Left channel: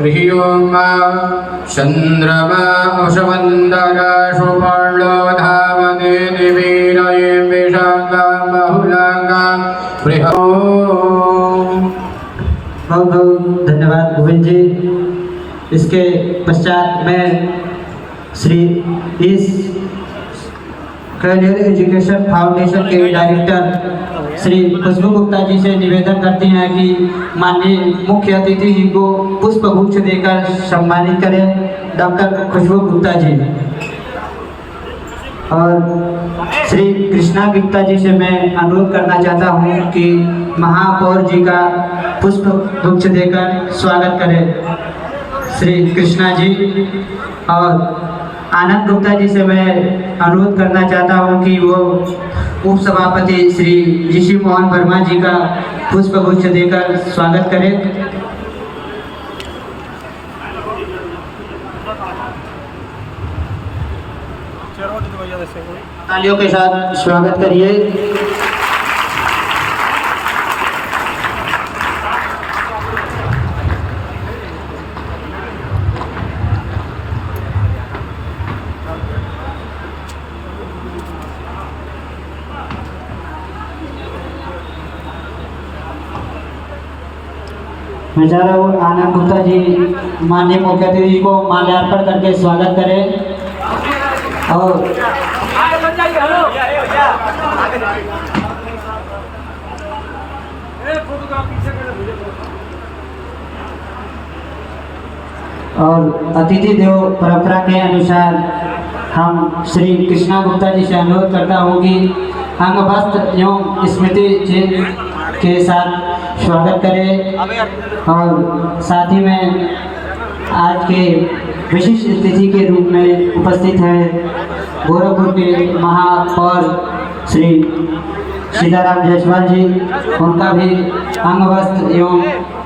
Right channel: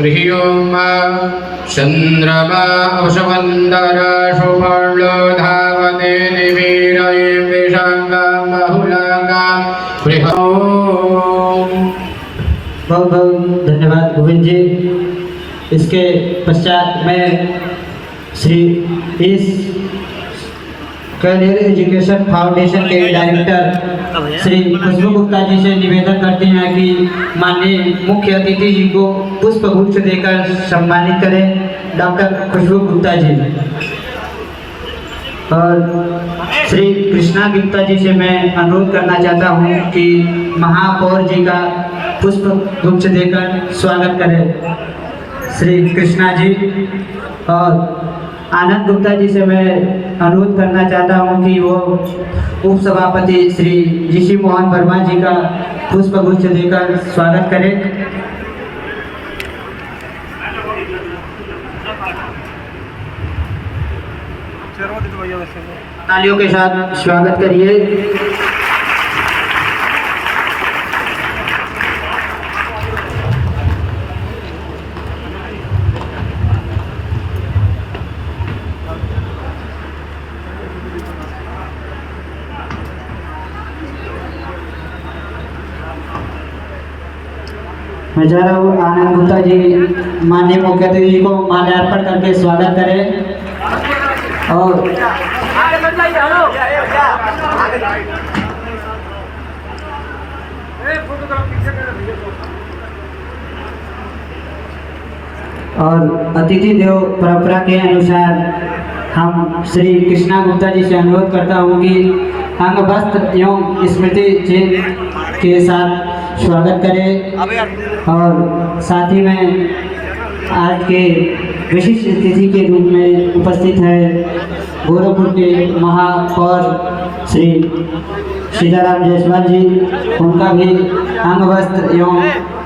ह्रियोमा चंद्रमा उषवंदर सुवर्णो धावने निवीरये विशाखा बहुलांगा बृहत्। बहुत बहुत धन्यवाद गोविंद जी। इसके पश्चात मैं श्री इस करियर एजुकेशन फाउंडेशन के डायरेक्टर श्री खुशबू गुप्ता जी से निवेदन करते हैं कि माननीय मुख्य अतिथि जी को पुष्प गुच्छ देकर सम्मानित करें डॉक्टर खुशबू गुप्ता जी। और श्री कृष्णा गुप्ता जी से मैं अनुरोध करना चाहता हूं कि महापौर जी का पुष्प गुच्छ देकर स्वागत करें श्री कृष्णा जी। और आनंद गुप्ता जी से मैं अनुरोध करना चाहता हूं कि वो उप सभापति श्री ऋषि मोहन वर्मा जी का पुष्प गुच्छ देकर स्वागत करें। तालियों के साथ स्वागत करिए। मैं चाह रहा हूँ आनंद गुप्ता जी माननीय मुख्य अतिथि को माल्यार्पण करके स्वागत करें। और अतिथि देव परंपरा के अनुसार हम श्री कृष्णा गुप्ता जी से अनुरोध करता हूँ कि अंग वस्त्र एवं स्मृति चिन्ह के साथ स्वागत करें। और साथ ही में आज के विशिष्ट अतिथि के रूप में उपस्थित है गोरखपुर के महापौर श्री सीताराम जायसवाल जी, उनका भी अंग वस्त्र एवं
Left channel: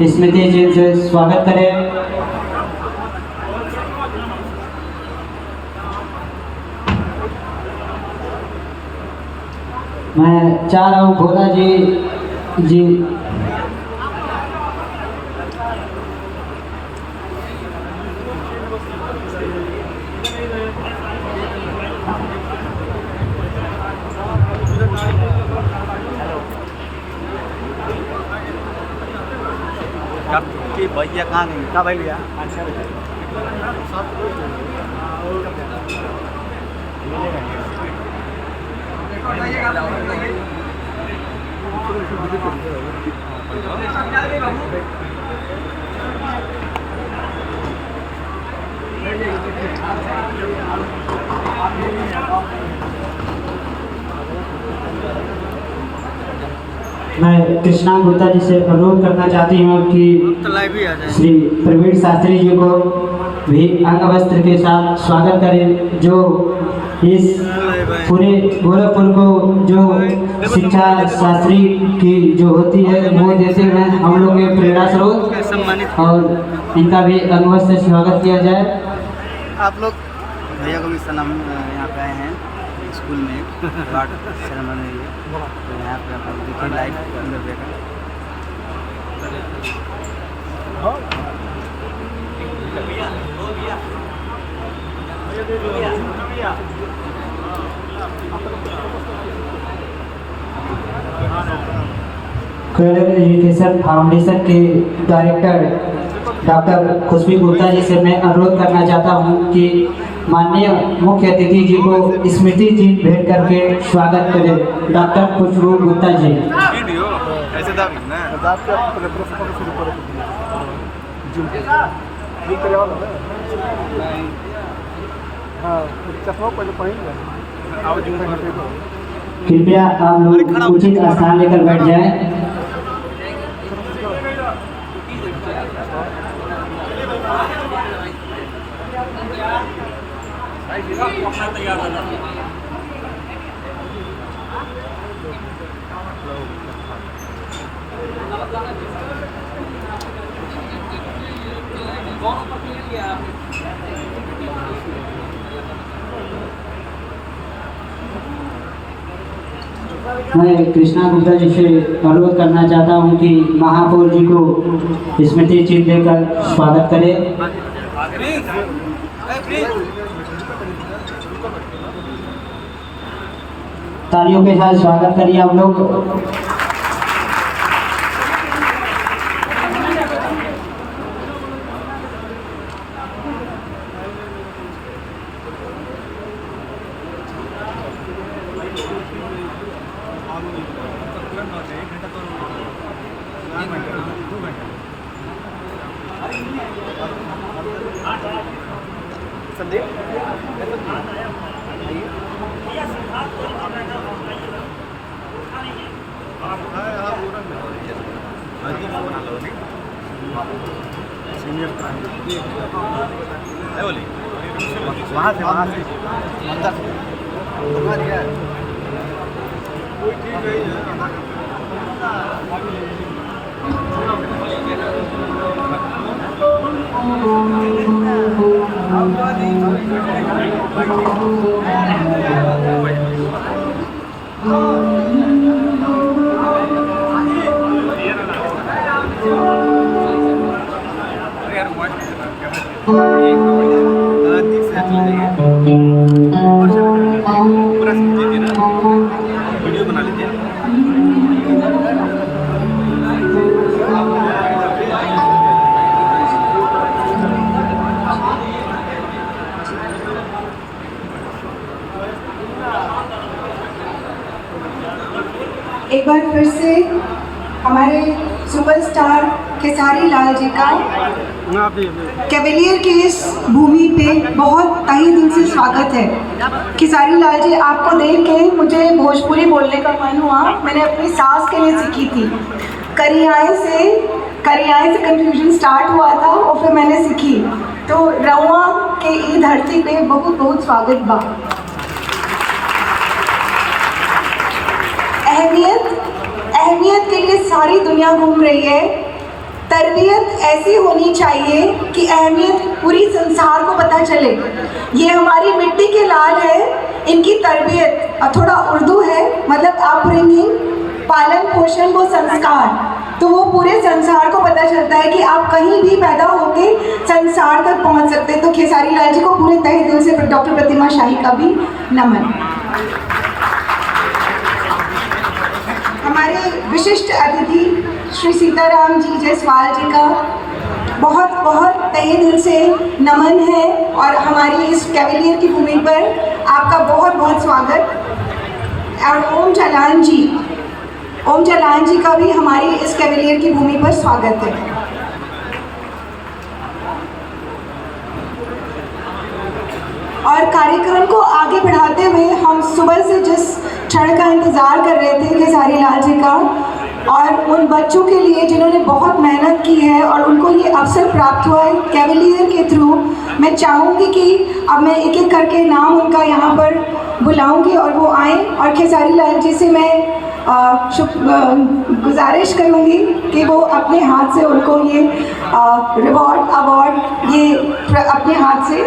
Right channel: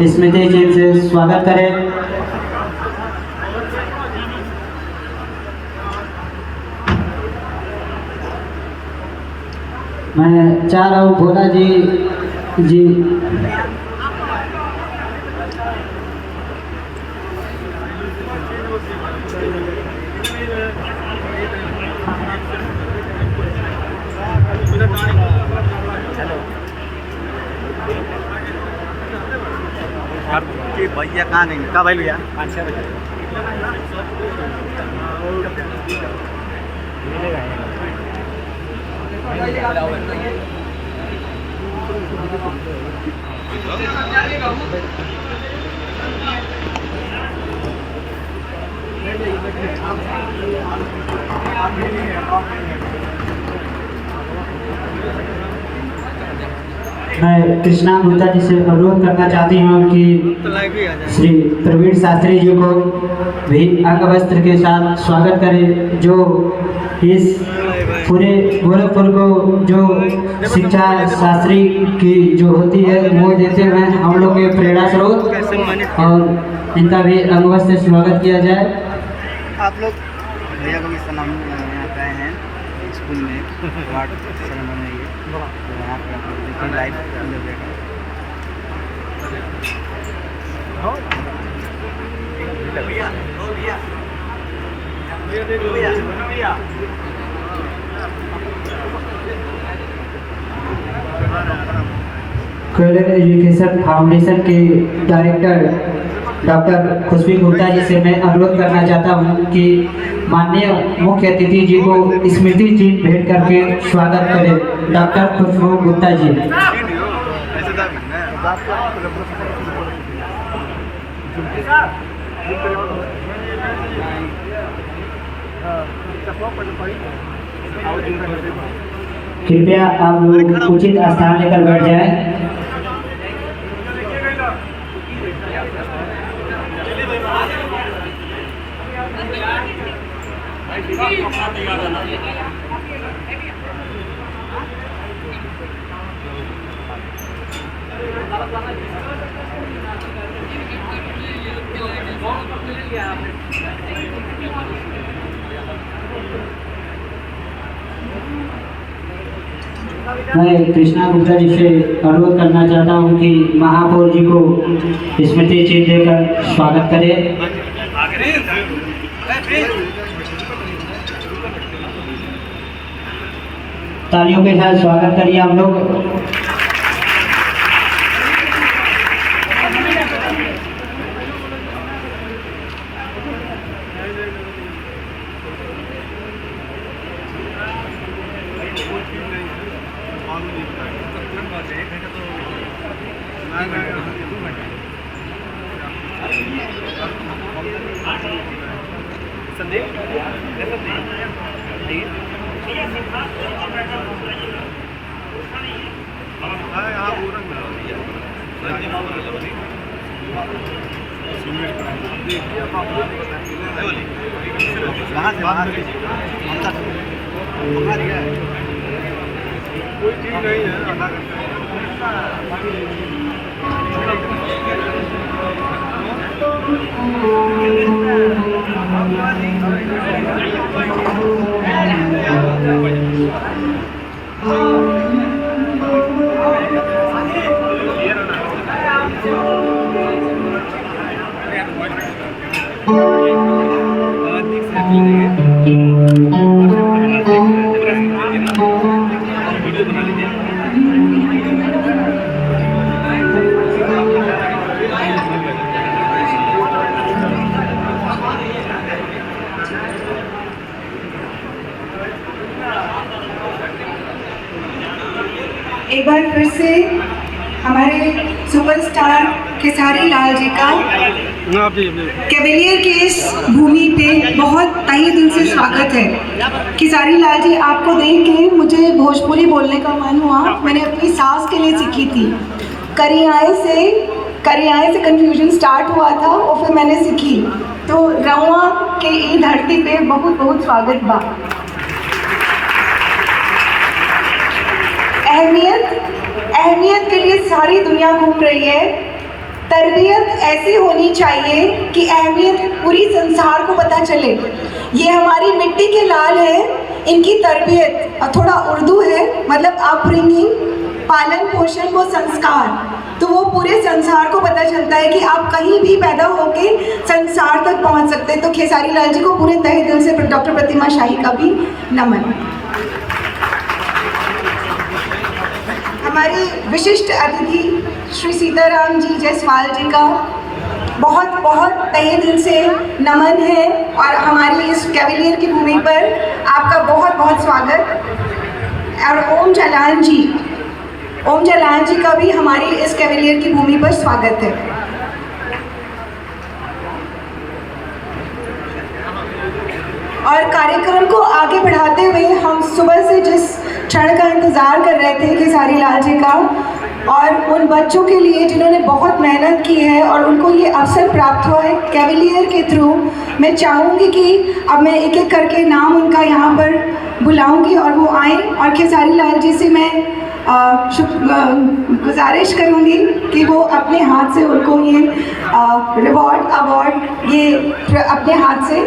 स्मृति चिन्ह से स्वागत करें। मैं चाह रहा हूँ भोला जी कि भैया कहाँ गए? कहाँ भाई भैया? मैं कृष्णा गुप्ता जी से अनुरोध करना चाहती हूँ कि श्री प्रवीण शास्त्री जी को भी अंग वस्त्र के साथ स्वागत करें, जो इस पूरे गोरखपुर को जो शिक्षा शास्त्री की जो होती है वो देते हुए हम लोग के प्रेरणा स्रोत, और इनका भी अंग वस्त्र से स्वागत किया जाए। आप लोग भैया को भी सलाम यहाँ पे आए हैं स्कूल में अवार्ड सेरेमनी है, तो यहाँ पे आप देखिए लाइव देखा। करियर एजुकेशन फाउंडेशन के डायरेक्टर डॉक्टर खुशबू गुप्ता जी से मैं अनुरोध करना चाहता हूं कि माननीय मुख्य अतिथि जी को स्मृति चिन्ह भेंट करके स्वागत करें डॉक्टर खुशबू गुप्ता जी। कृपया आप उचित स्थान लेकर बैठ जाएं। मैं कृष्णा गुप्ता जी से अनुरोध करना चाहता हूं कि महापौर जी को स्मृति चिन्ह देकर स्वागत करें। तालियों के साथ स्वागत करिए हम लोग। वीडियो बना लीजिए। एक बार फिर से हमारे सुपरस्टार खेसारी लाल जी का कैवेलियर की इस भूमि पे बहुत तहे दिल से स्वागत है। खेसारी लाल जी, आपको देख के मुझे भोजपुरी बोलने का मन हुआ। मैंने अपनी सास के लिए सीखी थी। करियाए से कंफ्यूजन स्टार्ट हुआ था और फिर मैंने सीखी। तो रउआ के ई धरती पे बहुत बहुत स्वागत बा। अहमियत के लिए सारी दुनिया घूम रही है। तरबियत ऐसी होनी चाहिए कि अहमियत पूरी संसार को पता चले। ये हमारी मिट्टी के लाल है, इनकी तरबियत, और थोड़ा उर्दू है मतलब अपब्रिंगिंग, पालन पोषण वो संस्कार, तो वो पूरे संसार को पता चलता है कि आप कहीं भी पैदा होके संसार तक पहुंच सकते हैं। तो खेसारी लाल जी को पूरे तहे दिल से डॉक्टर प्रतिमा शाही का भी नमन। हमारे विशिष्ट अतिथि श्री सीताराम जी जायसवाल जी का बहुत बहुत तहे दिल से नमन है और हमारी इस कैवेलियर की भूमि पर आपका बहुत बहुत स्वागत। और ओम जालान जी का भी हमारी इस कैवेलियर की भूमि पर स्वागत है। और कार्यक्रम को आगे बढ़ाते हुए हम सुबह से जिस क्षण का इंतज़ार कर रहे थे खेसारी लाल जी का, और उन बच्चों के लिए जिन्होंने बहुत मेहनत की है और उनको ये अवसर प्राप्त हुआ है कैवेलियर के थ्रू, मैं चाहूँगी कि अब मैं एक एक करके नाम उनका यहाँ पर बुलाऊँगी और वो आएँ। और खेसारी लाल जी से मैं गुजारिश करूँगी कि वो अपने हाथ से उनको ये अवार्ड ये अपने हाथ से।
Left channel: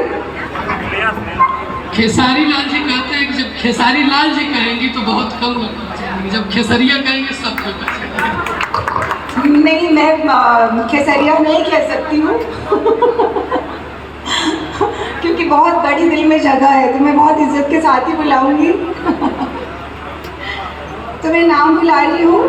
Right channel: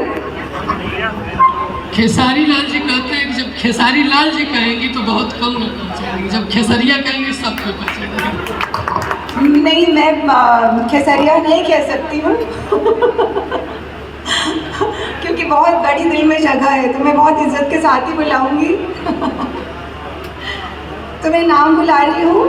खेसारी लाल जी कहते हैं कि जब खेसारी लाल जी कहेंगी तो बहुत कम लोग पहचानेंगे, जब खेसरिया कहेंगे सब लोग पहचानेंगे। नहीं, मैं खेसरिया नहीं कह सकती हूँ क्योंकि बहुत बड़ी दिल में जगह है, तो मैं बहुत इज्जत के साथ ही बुलाऊंगी। तो मैं नाम बुला रही हूँ